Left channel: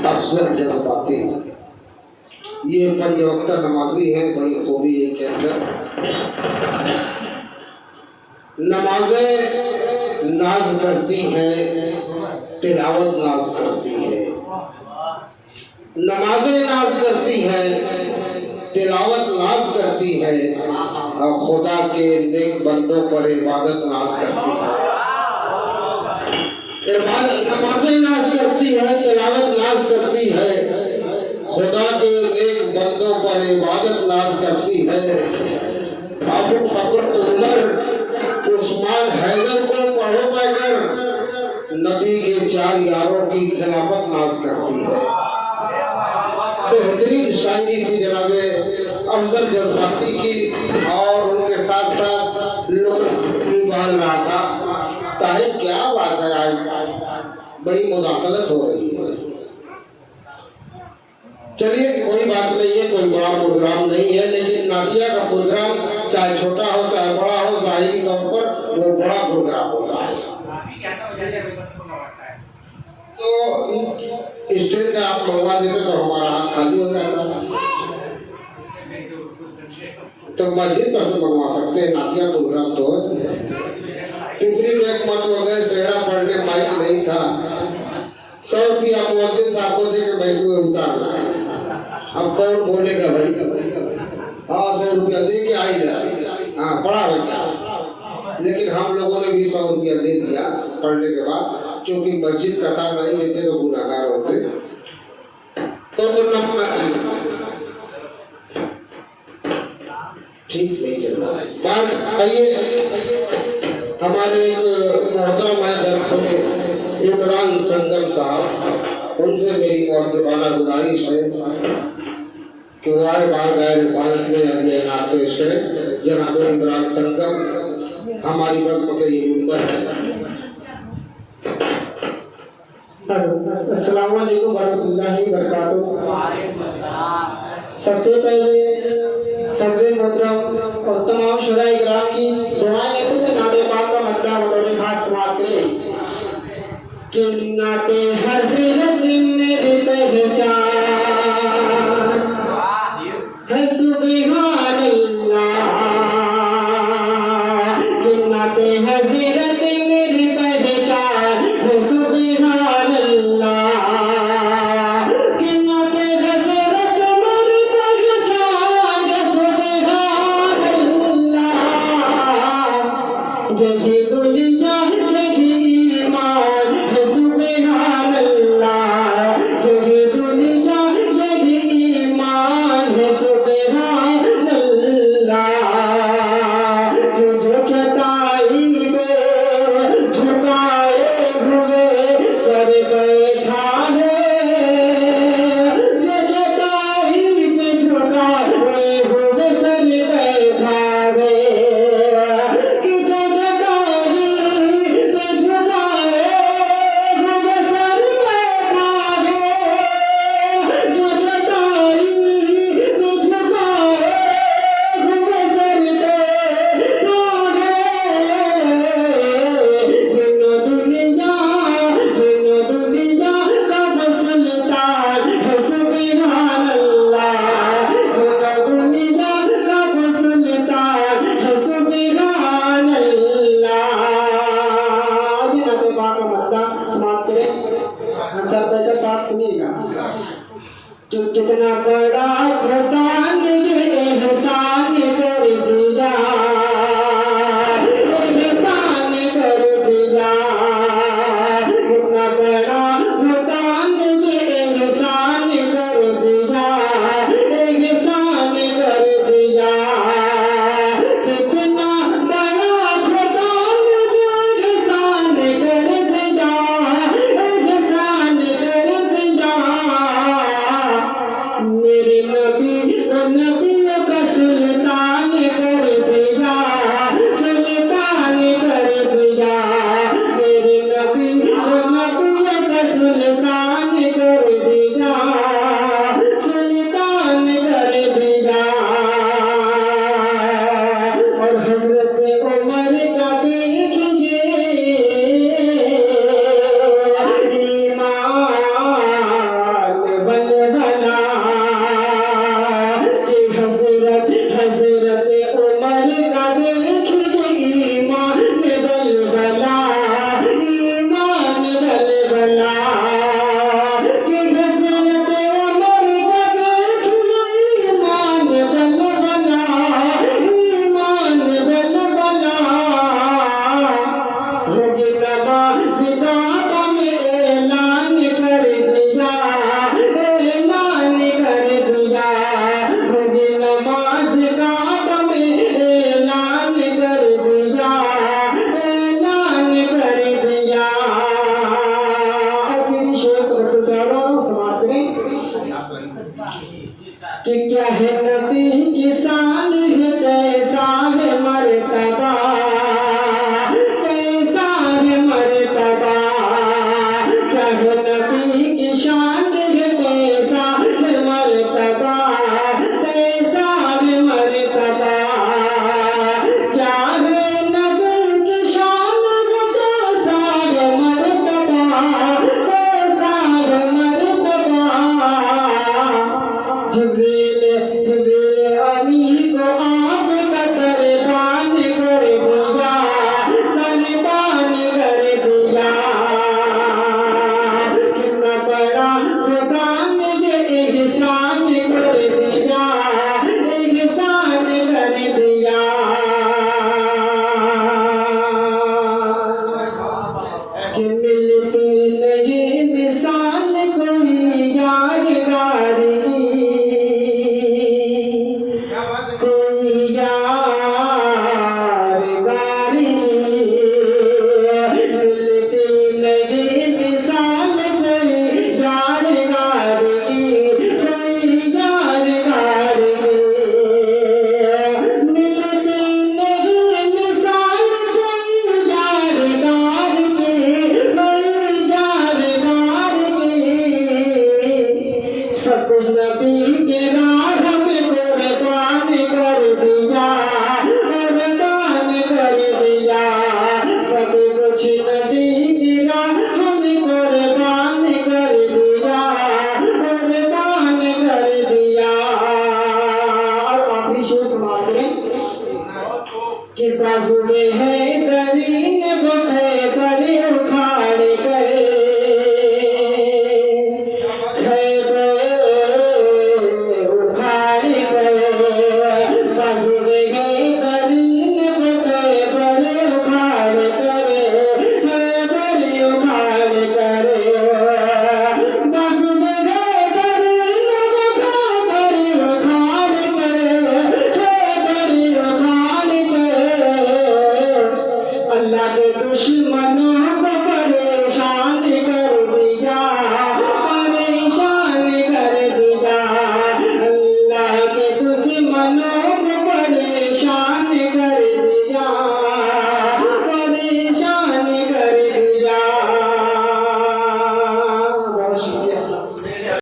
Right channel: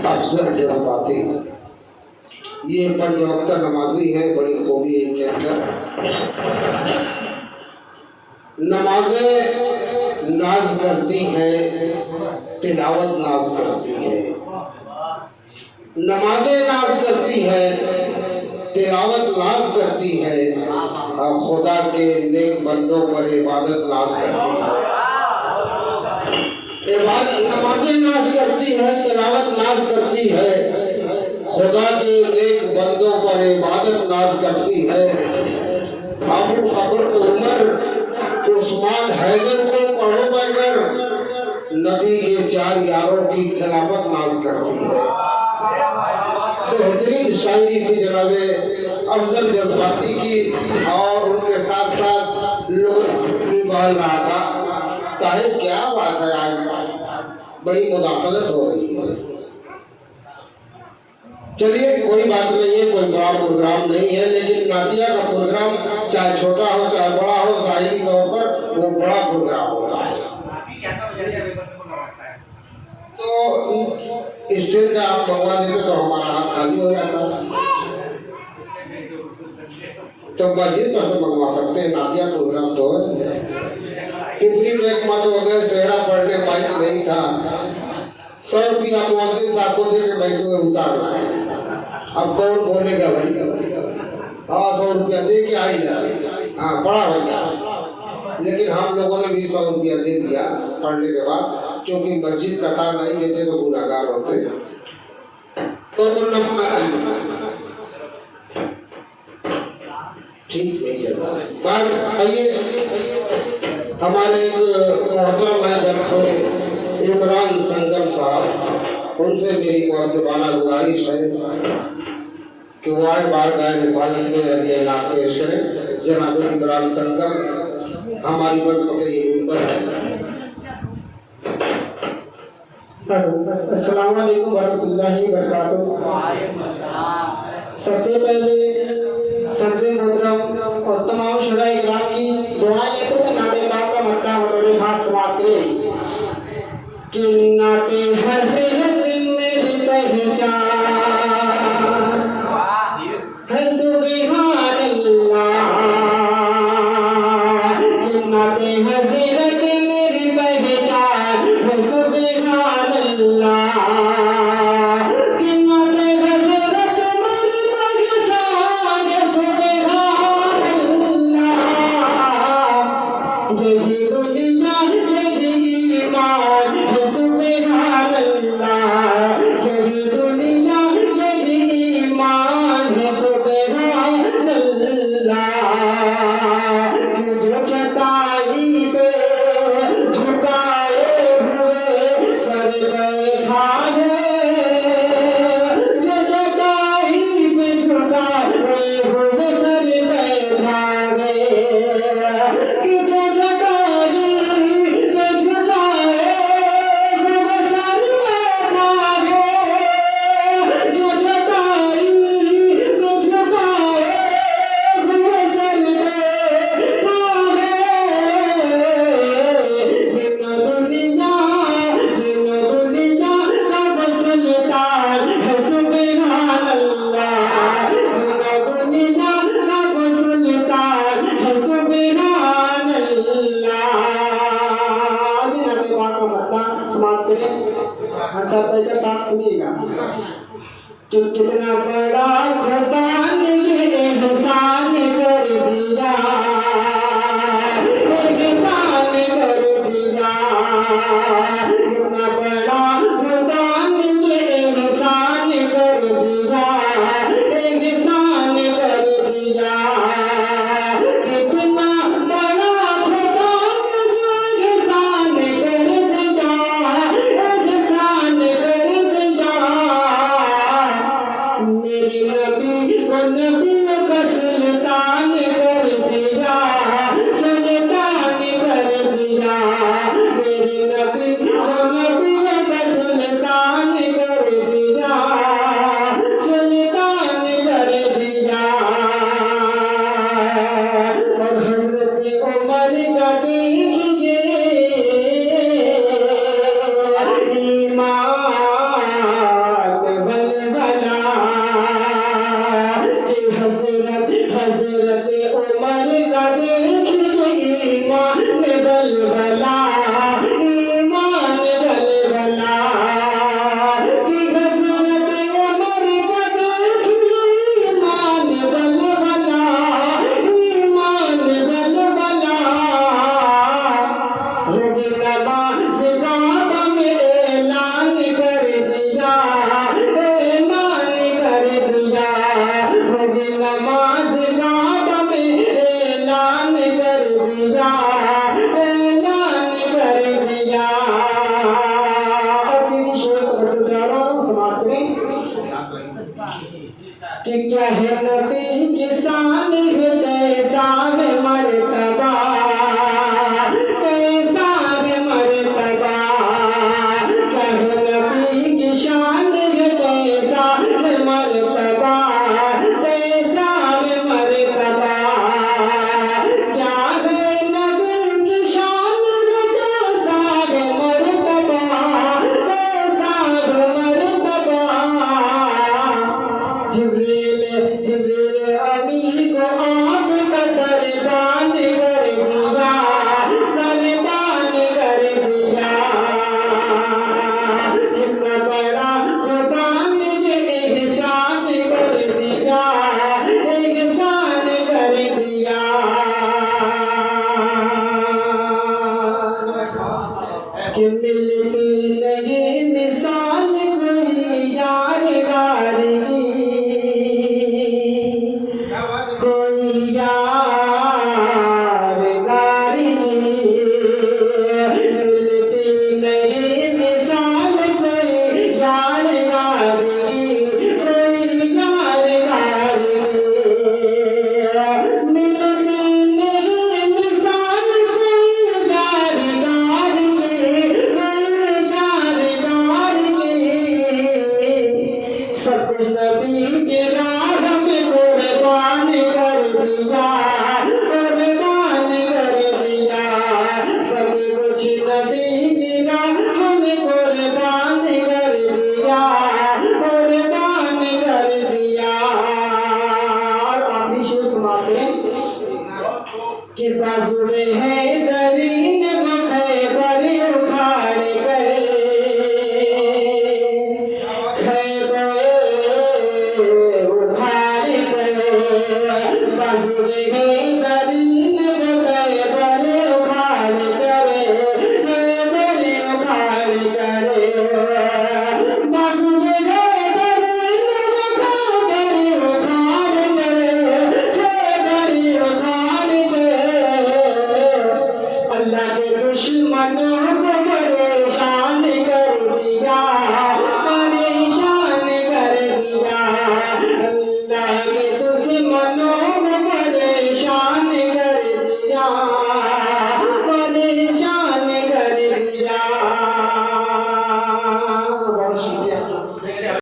अफजल जज्बाती ये पंज वक्त नमाजी है। बड़ी खूबी है के अंदर नमाजें नाज करती है, तिलावत नाज करती है। नमाजें नाज करती है, तिलावत नाज करती है और खुदा के नेक बंदों पर इबादत नाज करती है। नमाजें नाज करती है, तिलावत नाज करती है, खुदा के नेक बंदों पर इबादत नाज करती है। अबू बकर उमर उस्मान हैदर को पढ़ो बगैर नबी के चार यारों की खिलाफत नाज करती है। बेहतरीन शायरी थी जनाबे अफजल जज्बाती की और उनके साथ साथ लोग भी बोल रहा था। ताहे क्या बात है, आज बड़ी मुदाखलत हो रही है। चलिए कोई बात नहीं है, कोई बड़ा प्रोग्राम नहीं है, लेकिन नातिया का प्रोग्राम चाहे छोटा हो चाहे बड़ा हो, जाहिरी तौर पर वो बड़ा प्रोग्राम होता है। तो स्टेज का आप मंगवा देते तो हमारा हाथ खाली हो जाता। तो मस्जिद पर से मंगवा सकते हैं नातिया प्रोग्राम। तो पिपरी में एक मत हो गए, सेहरा पढ़ने माइक नहीं था, 100 रुपया मुअज्जिन साहब को दे के बैठ हुए उतारना है। अब कौन बोलेगा भाई? हाँ 100 रुपया दे के आई जा, हाँ पढ़ा भैया। लेकिन हम लोगों ने भी 100 रुपया दे दिया पढ़ने के बाद, क्योंकि मस्जिद का था, नहीं देते तो गुनाहगार होते। तो ठीक नहीं चल रहा है बात। आइए हमारे मोहतरम है इमरान संगम साहब, उनसे मेरी मुअद्दबाना गुजारिश है कि वो आए बार गाय रिसालत में ये इनाम पेश करें। जनाब इमरान संगम हमारी बज़्म के ये मेंबर है। अस्सलाम वालेकुम वरहमतुल्लाहि वबरकातुहू। सबसे पहले सदर मोहतरम और तमाम शुराए इकराम की दुआएं लेते हुए नाते पाक का मक्का मुकर्रम हाथ समाते कि नाते हज़रत मेरी पहचान है सुभान अल्लाह। कि नाते हज़रत मेरी पहचान है सुभान अल्लाह। कि नाते हज़रत मेरी पहचान है सुभान अल्लाह। यही दुनिया यही ईमान है सुभान अल्लाह। यही दुनिया यही ईमान है सुभान अल्लाह। जो चटाई पे झुकाए हुए सर बैठा है, जो चटाई पे झुकाए हुए सर बैठा है। कि जो चटाई पे झुकाए हुए सर बैठा है, जो चटाई पे झुकाए हुए सर बैठा है। दिनो दुनिया का सुल्तान है सुभान अल्लाह। दिनो दुनिया का सुल्तान है सुभान अल्लाह। जनाब पाक का मक्का समाप्त करें। सब बैठकर साथ सुनिएगा कि कितना बड़ा खुदा ने ये एहसान कर दिया, एहसान कर दिया। कितना बड़ा खुदा ने ये एहसान कर दिया, एहसान कर दिया। कितना बड़ा खुदा ने ये एहसान कर दिया, एहसान कर दिया। मेरे नबी को कि क्या है नबी की शान